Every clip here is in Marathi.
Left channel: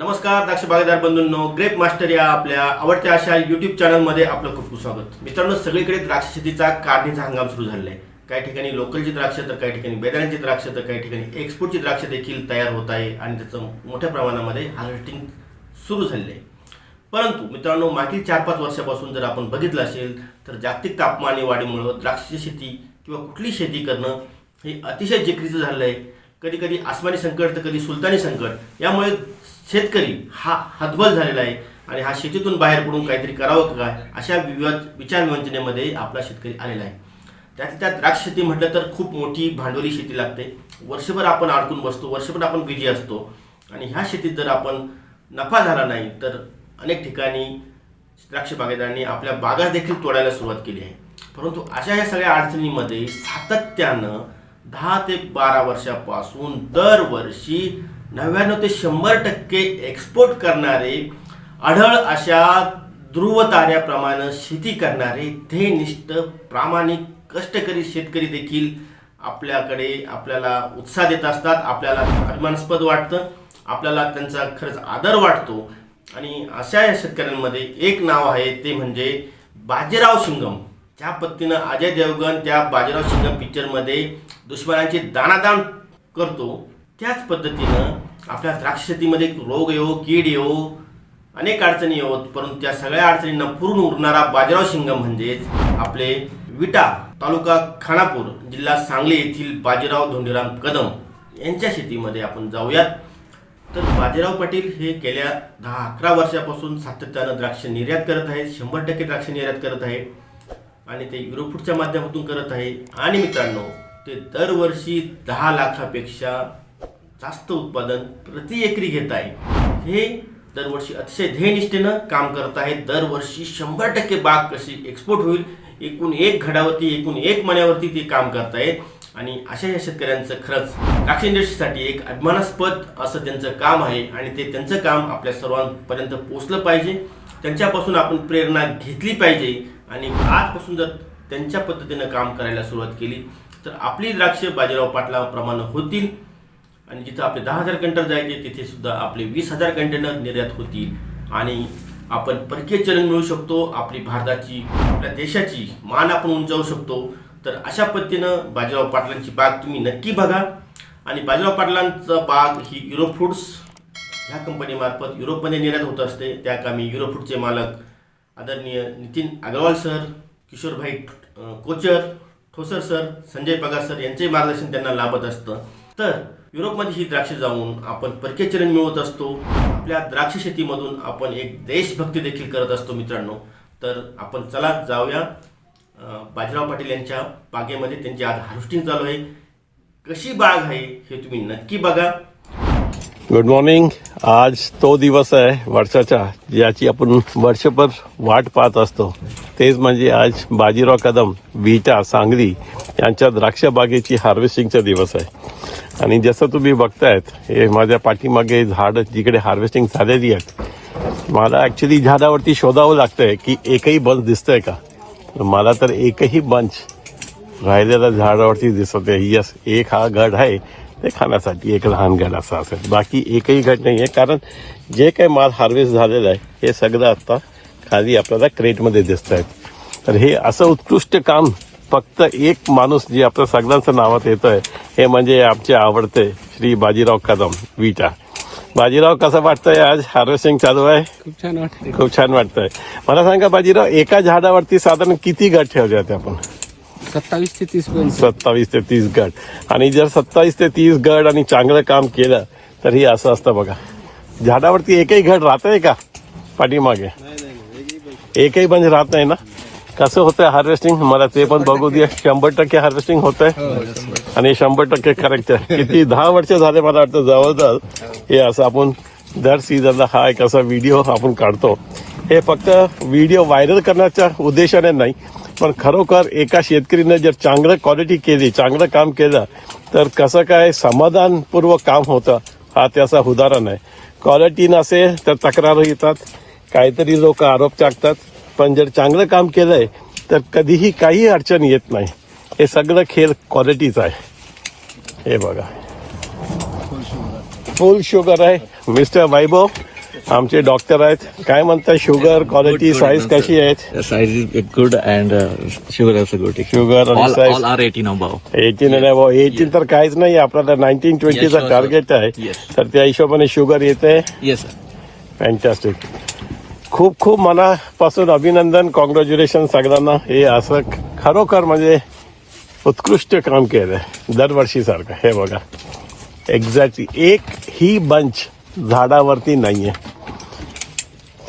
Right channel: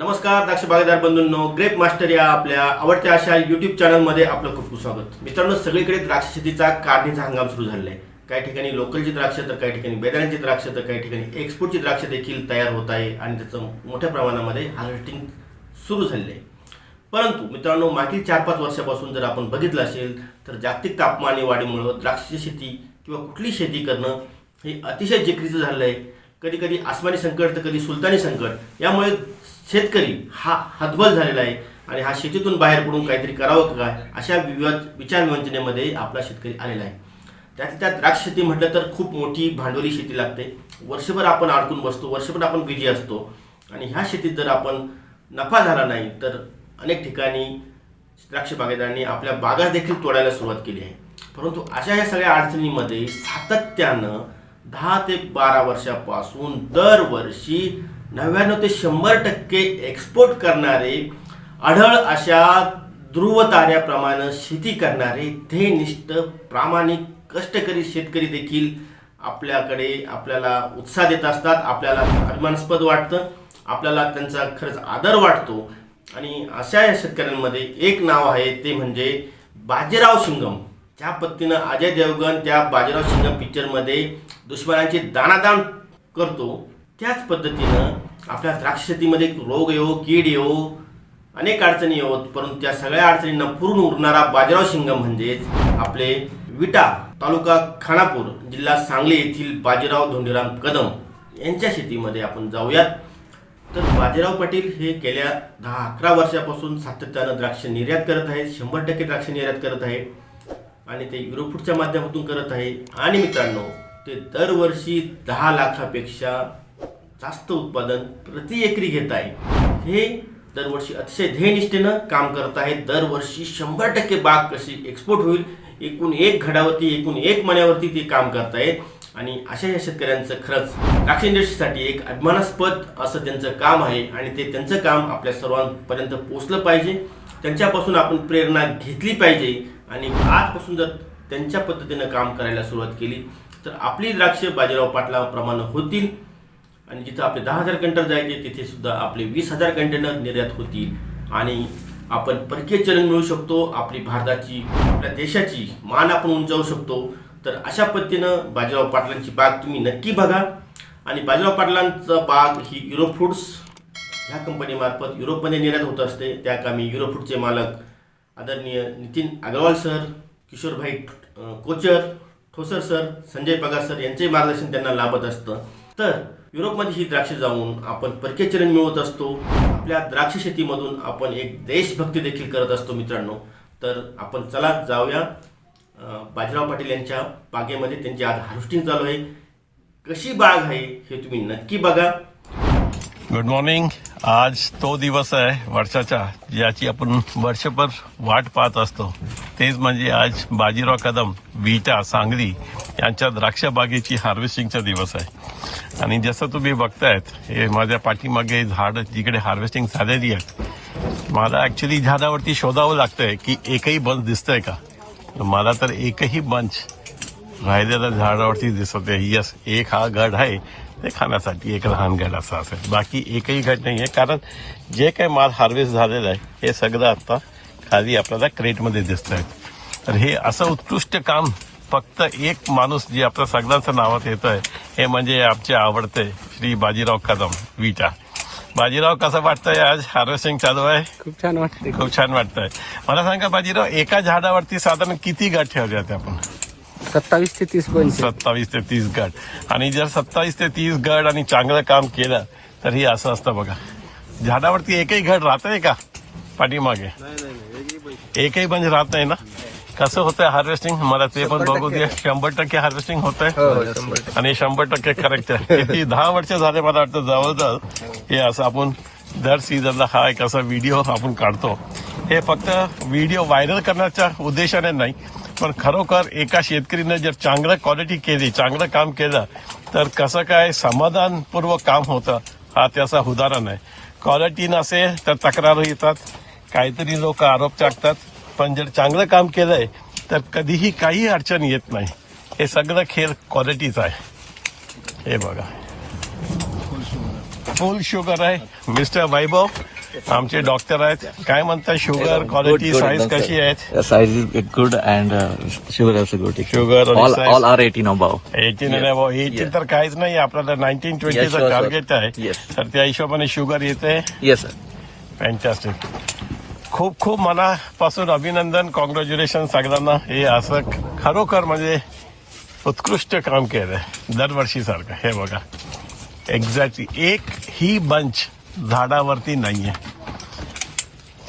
नमस्कार द्राक्ष बागेदार बंधूंनो. ग्रेप मास्टर या आपल्या आवडत्या अशा युट्यूब चॅनलमध्ये आपलं खूप खूप स्वागत. मित्रांनो सगळीकडे द्राक्ष शेतीचा काढणीचा हंगाम सुरू झालेला आहे. काही ठिकाणी लोकलची द्राक्ष तर काही ठिकाणी बेदाण्याची द्राक्ष तर काही ठिकाणी एक्सपोर्टची द्राक्ष देखील तयार होत आहे आणि त्याचं मोठ्या प्रमाणामध्ये हार्वेस्टिंग सुरू झालेलं आहे. परंतु मित्रांनो मागील चार पाच वर्षापासून जर आपण बघितलं असेल तर जागतिक तापमान वाढीमुळं द्राक्ष शेती किंवा कुठली शेती करणं हे अतिशय जिक्रीचं झालं आहे. कधी कधी आसमानी संकट तर कधी सुलतानी संकट. यामुळे शेतकरी हा हतबल झालेला आहे आणि हा शेतीतून बाहेर पडून काहीतरी करावं का काय अशा विवाद विचारविवंचनेमध्ये आपला शेतकरी आलेला आहे. त्यात त्या द्राक्ष शेती म्हटलं तर खूप मोठी भांडवली शेती लागते. वर्षभर आपण अडकून बसतो वर्षभर आपण बिझी असतो. आणि ह्या शेतीत जर आपण नफा झाला नाही तर अनेक ठिकाणी द्राक्ष बागेदारांनी आपल्या बागा देखील तोडायला सुरुवात केली आहे. परंतु अशा या सगळ्या अडचणींमध्ये सातत्यानं दहा ते बारा वर्षापासून दरवर्षी नव्याण्णव ते शंभर टक्के एक्सपोर्ट करणारे आढळ अशा ध्रुव ताऱ्याप्रमाणे शेती करणारे ध्येयनिष्ठ प्रामाणिक कष्टकरी शेतकरी देखील आपल्याकडे आपल्याला उत्साह देत असतात. आपल्याला अभिमानास्पद वाटतं. आपल्याला त्यांचा खरंच आदर वाटतो. आणि अशा या शेतकऱ्यांमध्ये एक नाव आहे ते म्हणजे बाजीराव शिंगम. ज्या पद्धतीनं अजय देवगण त्या बाजीराव शिंगम पिक्चरमध्ये दुश्मनांची दाणादाण करतो त्याच पद्धतीनं आपल्या द्राक्ष शेतीमध्ये रोग येऊ कीड येऊ अनेक अडचणी येवोत. परंतु त्या सगळ्या अडचणींना पुरून उरणारा बाजीराव शिंगम म्हणजेच आपले विटा तालुका खानापूर जिल्हा सांगली येथील बाजीराव धोंडीराम कदम यांच्या शेतीमध्ये आपण जाऊयात. तर बाजीराव पाटील हे गेल्या दहा अकरा वर्षापासून सातत्यानं द्राक्ष निर्यात करत आहेत. शंभर टक्के द्राक्ष निर्यात करत आहे. आणि ते युरोफूडच्या माध्यमातून करत आहे. आणि मित्रांनो ते दरवर्षी दहा लाखापेक्षा जास्त उत्पादन प्रति एकरी घेत आहे. हे दरवर्षी अतिशय ध्येयनिष्ठेनं काम करत आहे. दरवर्षी शंभर टक्के बाग कशी एक्सपोर्ट होईल एकूण एक घडावरती एकूण एक मण्यावरती ते काम करत आहेत. आणि अशा या शेतकऱ्यांचं खरंच द्राक्ष इंडस्ट्रीसाठी एक अभिमानास्पद असं त्यांचं काम आहे आणि ते त्यांचं काम आपल्या सर्वांपर्यंत पोचलं पाहिजे. त्यांच्यापासून आपण प्रेरणा घेतली पाहिजे. आणि आजपासून जर त्यांच्या पद्धतीनं काम करायला सुरुवात केली तर आपली द्राक्ष बाजीराव पाटलाप्रमाणे होतील. आणि जिथं आपले दहा हजार कंटेनर जायचे तिथे सुद्धा आपले वीस हजार कंटेनर निर्यात होतील. आणि आपण परकीय चलन मिळू शकतो आपली भारताची आपल्या देशाची मान आपण उंचावू शकतो. तर अशा पद्धतीनं बाजीराव पाटलांची बाग तुम्ही नक्की बघा. आणि बाजीराव पाटलांचा बाग ही युरोप फूड्स ह्या कंपनीमार्फत युरोपमध्ये निर्यात होत असते. त्या कामी युरोप फूडचे मालक आदरणीय Nitin Agarwal sir Kishorbhai Kochar Thosar sir Sanjay Pagar sir यांचेही मार्गदर्शन त्यांना लाभत असतं. तर युरोपमध्ये ही द्राक्ष जाऊन आपण परकीय चलन मिळवत असतो. आपल्या द्राक्ष शेतीमधून आपण एक देशभक्ती देखील करत असतो मित्रांनो. तर आपण चला जाऊया. बाजीराव पाटील यांच्या बागेमध्ये त्यांची आज हार्वेस्टिंग चालू आहे. कशी बाग आहे हे तुम्ही नक्की बघा. गुड मॉर्निंग आज तो दिवस आहे वर्षाचा ज्याची आपण वर्षभर वाट पाहत असतो. तेच म्हणजे आज बाजीराव कदम विटा सांगली यांच्या द्राक्ष बागेची हार्वेस्टिंगचा दिवस आहे. आणि जसं तुम्ही बघतायत हे माझ्या पाठीमागे झाड जिकडे हार्वेस्टिंग झालेली आहेत मला ऍक्च्युली झाडावरती शोधावं लागतंय की एकही बंच दिसतंय का? मला तर एकही बंच राहिलेल्या झाडावरती दिसत आहे यस एक हा गड आहे ते खाण्यासाठी एक लहान गड असा असेल. बाकी एकही गड नाही आहे कारण जे काही माल हार्वेस्ट झालेलं आहे हे सगळं आता खाली आपल्याला क्रेटमध्ये दिसत आहेत तर हे असं उत्कृष्ट काम फक्त एक माणूस जे आपल्या सगळ्यांचं नावात येतं आहे हे म्हणजे आमचे आवडते श्री बाजीराव कदम विटा. बाजीराव कसं वाटतंय आज? हार्वेस्टिंग चालू आहे? खूप छान वाटते खूप छान वाटतंय. मला सांगा बाजीराव एका झाडावरती साधारण किती गट ठेवले होते आपण? सत्तावीस ते तीस पंच सत्तावीस ते तीस गट. आणि जर सत्तावीस ते तीस गट आणि चांगलं काम केलं तर हे असं असतं बघा. झाडावरती एकही घट राहत आहे का? पाठीमागे. एकही बंद राहत नाही ना? कसं होतंय हार्वेस्टिंग मला ते पण बघू दे. शंभर टक्के हार्वेस्टिंग होत आहे आणि शंभर टक्के करेक्ट आहे. किती दहा वर्ष झाले मला वाटतं जवळजवळ. हे असं आपण दर सीझनला हा एक असा व्हिडिओ आपण काढतो. हे फक्त व्हिडिओ व्हायरल करण्याच्या उद्देशाने नाही पण खरोखर एका शेतकरीनं जर चांगलं क्वालिटी केली चांगलं काम केलं तर कसं काय समाधानपूर्वक काम होतं हा त्याचा उदाहरण आहे. क्वालिटी नसेल तर तक्रार येतात. काहीतरी लोक आरोप टाकतात. पण जर चांगलं काम केलंय तर कधीही काही अडचण येत नाही हे सगळं खेळ क्वालिटीचं आहे हे बघा फुल शुगर आहे मिस्टर वैभव आमचे डॉक्टर आहेत काय म्हणतात शुगर क्वालिटी साईज कशी. आहेत and uh, sugar also good. Sugar and all, size. all are 18 above. Eighteen eighteen तर काहीच नाही आपल्याला नाईन्टीन ट्वेंटीचा. टार्गेट आहे. तर त्या हिशोबाने शुगर येते Yes, sir. फॅन्टॅस्टिक खूप खूप मनापासून अभिनंदन कॉंग्रॅच्युलेशन सगळ्यांना. हे असं खरोखर म्हणजे उत्कृष्ट काम केलंय दरवर्षीसारखं. हे बघा. एक्झॅक्टली एक ही बंच झाडावरती नाहीये.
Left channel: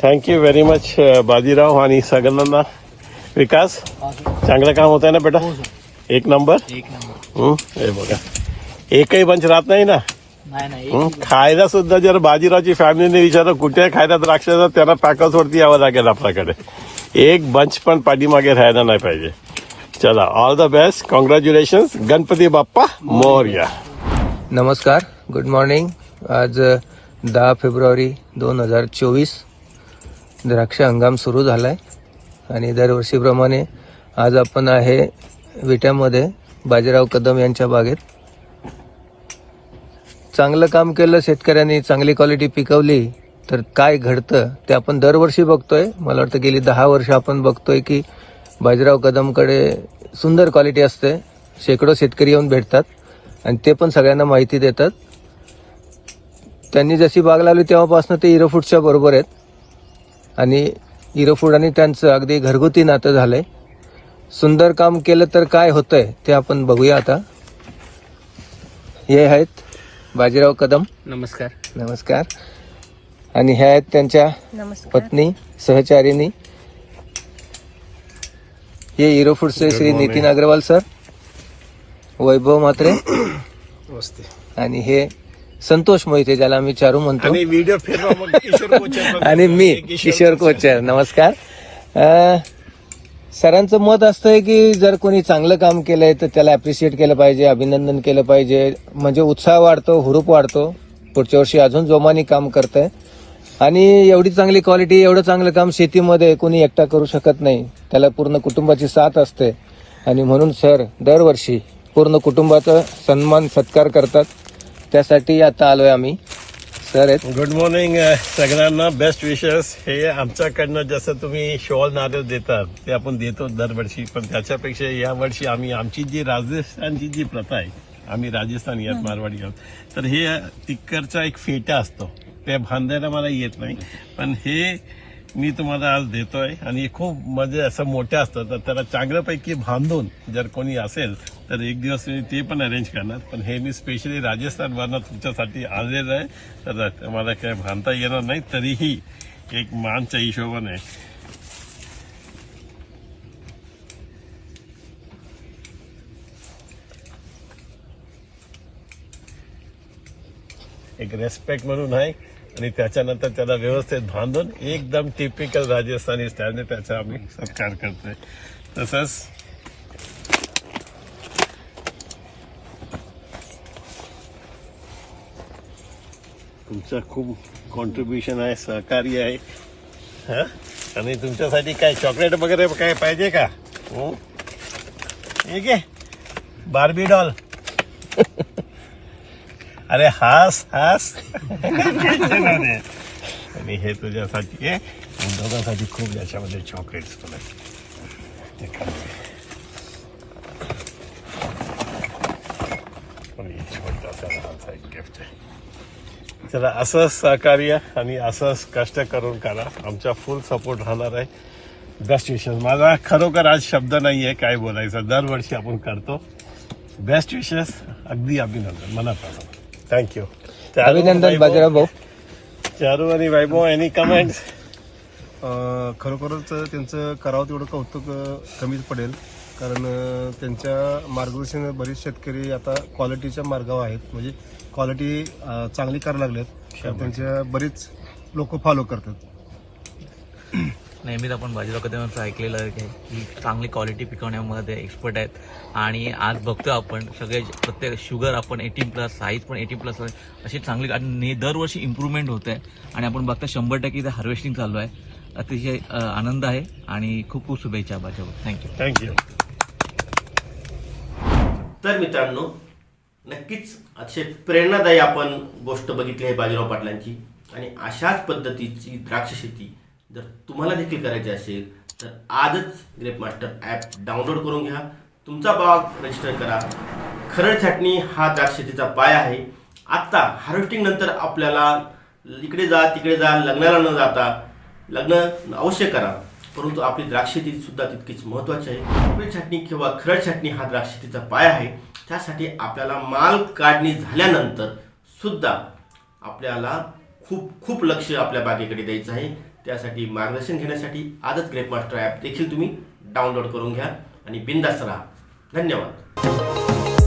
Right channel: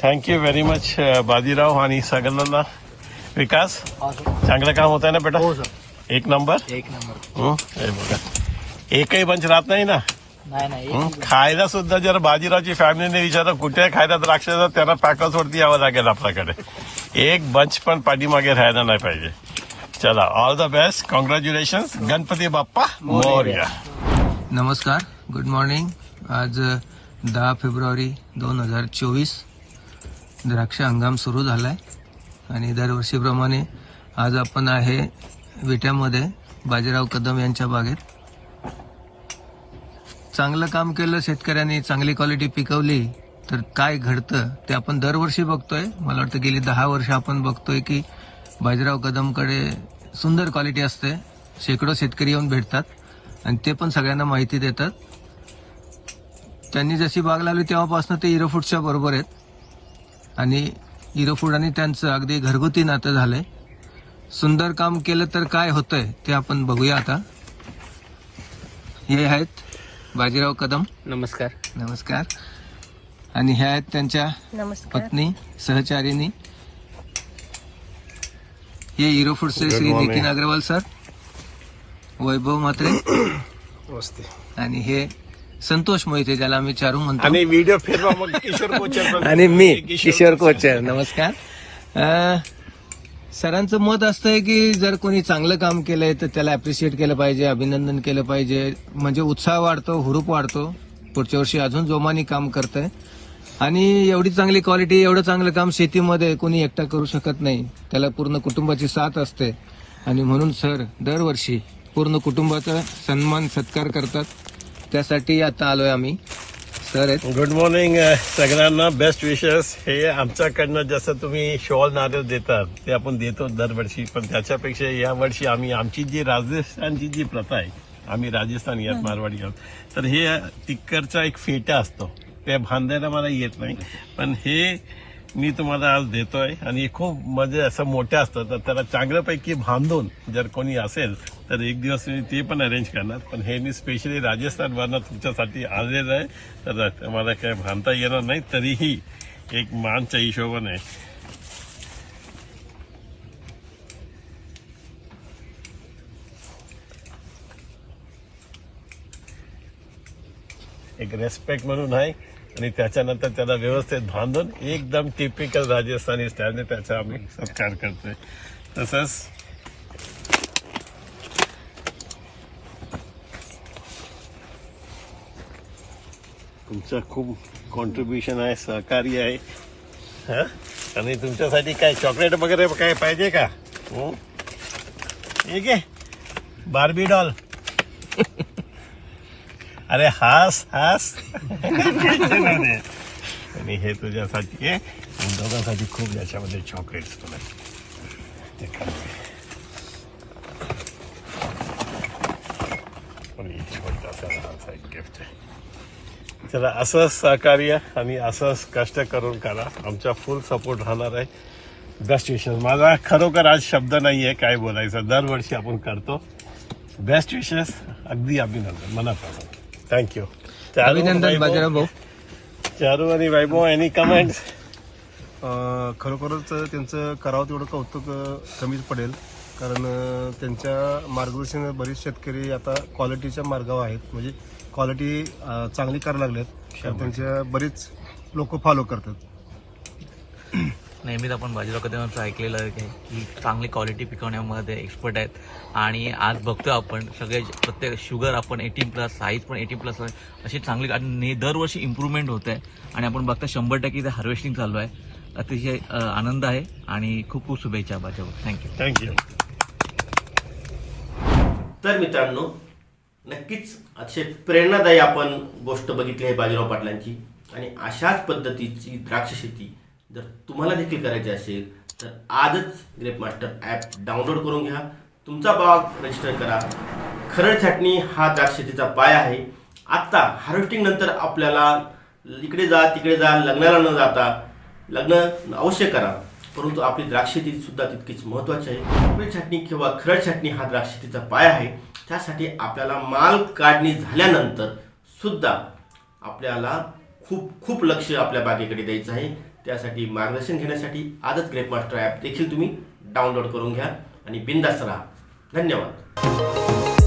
थँक्यू व्हेरी मच बाजीराव आणि सगळ्यांना. विकास चांगलं काम होत आहे ना बेटा? एक नंबर एक नंबर हं, हे बघा. एकही बंच राहत नाही ना? नाही नाही? खायला सुद्धा जर बाजीरावची फॅमिलीने विचारलं कुठे खायला द्राक्ष तर त्यांना पॅकल्स वरती यावं लागेल आपल्याकडे. एक बंच पण पाठीमागे राहायला नाही पाहिजे. चला all the best congratulation Ganpati Bappa Morya. नमस्कार. गुड मॉर्निंग आज दहा फेब्रुवारी दोन हजार चोवीस द्राक्ष हंगाम सुरू झाला आहे आणि दरवर्षीप्रमाणे आज आपण आहे विट्यामध्ये बाजीराव कदम यांच्या बागेत. चांगलं काम केलं शेतकऱ्यांनी चांगली क्वालिटी पिकवली तर काय घडतं ते आपण दरवर्षी बघतोय. मला वाटतं गेली दहा वर्ष आपण बघतोय की बाजीराव कदमकडे सुंदर क्वालिटी असते. शेकडो शेतकरी येऊन भेटतात आणि ते पण सगळ्यांना माहिती देतात. त्यांनी जशी बाग लावली तेव्हापासून ते इरोफूडच्या बरोबर आहेत. आणि इरोफूड आणि त्यांचं अगदी घरगुती नातं झालं आहे सुंदर काम केलं तर काय होतंय ते आपण बघूया आता. हे आहेत बाजीराव कदम. नमस्कार. नमस्कार. आणि ह्या आहेत त्यांच्या पत्नी सहचारिणी. हे इरोफूडचे Good श्री. नितीन अग्रवाल सर वैभव म्हात्रे. आणि हे संतोष मोहिते ज्याला आम्ही चारू म्हणतो. आणि व्हिडिओ फिरवा मग किशोर कोचर आणि मी किशोर कोचर. नमस्कार. अं, सरांचं मत असतंय की जर कोणी चांगलं काम केलंय तर त्याला अप्रिशिएट केलं पाहिजे अभिनंदन केलं पाहिजे. म्हणजे उत्साह वाढतो हुरूप वाढतो. पुढच्या वर्षी अजून जोमाने काम करतंय. आणि एवढी चांगली क्वालिटी एवढं चांगलं काम शेतीमध्ये कोणी एकटा करू शकत नाही. त्याला पूर्ण कुटुंबाची साथ असते. आणि म्हणून सर दरवर्षी पूर्ण कुटुंबाचा सन्मान सत्कार करतात. त्यासाठी आता आलोय आम्ही. सर आहेत. गुड मॉर्निंग सगळ्यांना. बेस्ट विशेस हे आमच्याकडनं जसं तुम्ही शॉल नारळ देतात ते आपण देतो दरवर्षी. पण त्याच्यापेक्षा या वर्षी आम्ही आमची जी राजस्थानची जी प्रथा आहे आम्ही राजस्थानी आहोत मारवाडी आहोत. तर हे तिकडचा एक फेटा असतो. ते बांधायला मला येत नाही. पण हे मी तुम्हाला आज देतोय आणि खूप म्हणजे असं मोठं असतं तर त्याला चांगल्यापैकी बांधून जर कोणी असेल तर एक दिवस मी ते पण अरेंज करणार. पण हे मी स्पेशली राजस्थानवरनं तुमच्यासाठी आलेलं आहे. तर मला काय बांधता येणार नाही तरीही एक मानच्या हिशोबाने. एक रेस्पेक्ट म्हणून आहे. आणि त्याच्यानंतर त्याला व्यवस्थित बांधून एकदम टिपिकल राजस्थानी स्टाईलने त्याचा आम्ही सत्कार करतोय. तसंच तुमचं खूप कॉन्ट्रीब्युशन आहे सहकार्य आहे. हा? आणि तुमच्यासाठी काय चॉकलेट वगैरे काय पाहिजे का? हो? ठीक आहे बार्बी डॉल अरे हास हास. आणि हे तुझ्यासाठी आहे दोघांसाठी खूप याच्यामध्ये चॉकलेट्स तुला ते गिफ्ट आहे. चला असंच सहकार्य आणि असंच कष्ट करून करा. आमचा फुल सपोर्ट राहणार आहे. बेस्ट विशेस माझा खरोखर आज शब्द नाही आहे काय बोलायचं. दरवर्षी आपण करतो. बेस्ट विशेस अगदी अभिनंदन. मनापासून. थँक्यू अभिनंदन बाजीराव भाऊ चारू आणि वैभव एनी कमेंट अ, खरोखरच त्यांचं करावं तेवढं कौतुक अ, कमीच पडेल. कारण अ, त्यांच्या मार्गदर्शन बरेच शेतकरी आता क्वालिटीच्या मार्गावर आहेत. म्हणजे क्वालिटी चांगली करायला लागलेत. तर त्यांच्या बरीच लोक फॉलो करतात. नेहमीच आपण बाजीराव कदमांचं ऐकलेलं आहे की चांगली क्वालिटी पिकवण्यामध्ये एक्सपर्ट आहेत. आणि आज बघतो आपण सगळे प्रत्येक शुगर आपण एटीन प्लस साईज पण एटीन प्लस अशी चांगली आणि दरवर्षी इम्प्रूव्हमेंट होत. आहे आणि आपण बघता शंभर टक्के इथे हार्वेस्टिंग चालू आहे. अतिशय आनंद आहे. आणि खूप खूप शुभेच्छा बाजीराव थँक्यू थँक्यू तर मित्रांनो नक्कीच अतिशय प्रेरणादायी आपण गोष्ट बघितली आहे बाजीराव पाटलांची. आणि अशाच पद्धतीची द्राक्ष शेती जर तुम्हाला देखील करायचे असेल तर आजच ग्रेप मास्टर ॲप डाउनलोड करून घ्या. तुमचा बाग रजिस्टर करा. खरड छाटणी हा द्राक्ष शेतीचा पाय आहे. आत्ता हार्वेस्टिंग नंतर आपल्याला इकडे जा तिकडे जा लग्नाला न जाता लग्न अवश्य करा. परंतु आपली द्राक्ष सुद्धा तितकीच महत्त्वाची आहे. आपली छाटणी किंवा खरड छाटणी हा द्राक्ष शेतीचा पाय आहे. त्यासाठी आपल्याला माल काढणी झाल्यानंतर सुद्धा आपल्याला खूप खूप लक्ष आपल्या बागेकडे द्यायचं आहे. त्यासाठी मार्गदर्शन घेण्यासाठी आजच ग्रेप मास्टर ॲप देखील तुम्ही डाउनलोड करून घ्या आणि बिंदास्त राहा. धन्यवाद.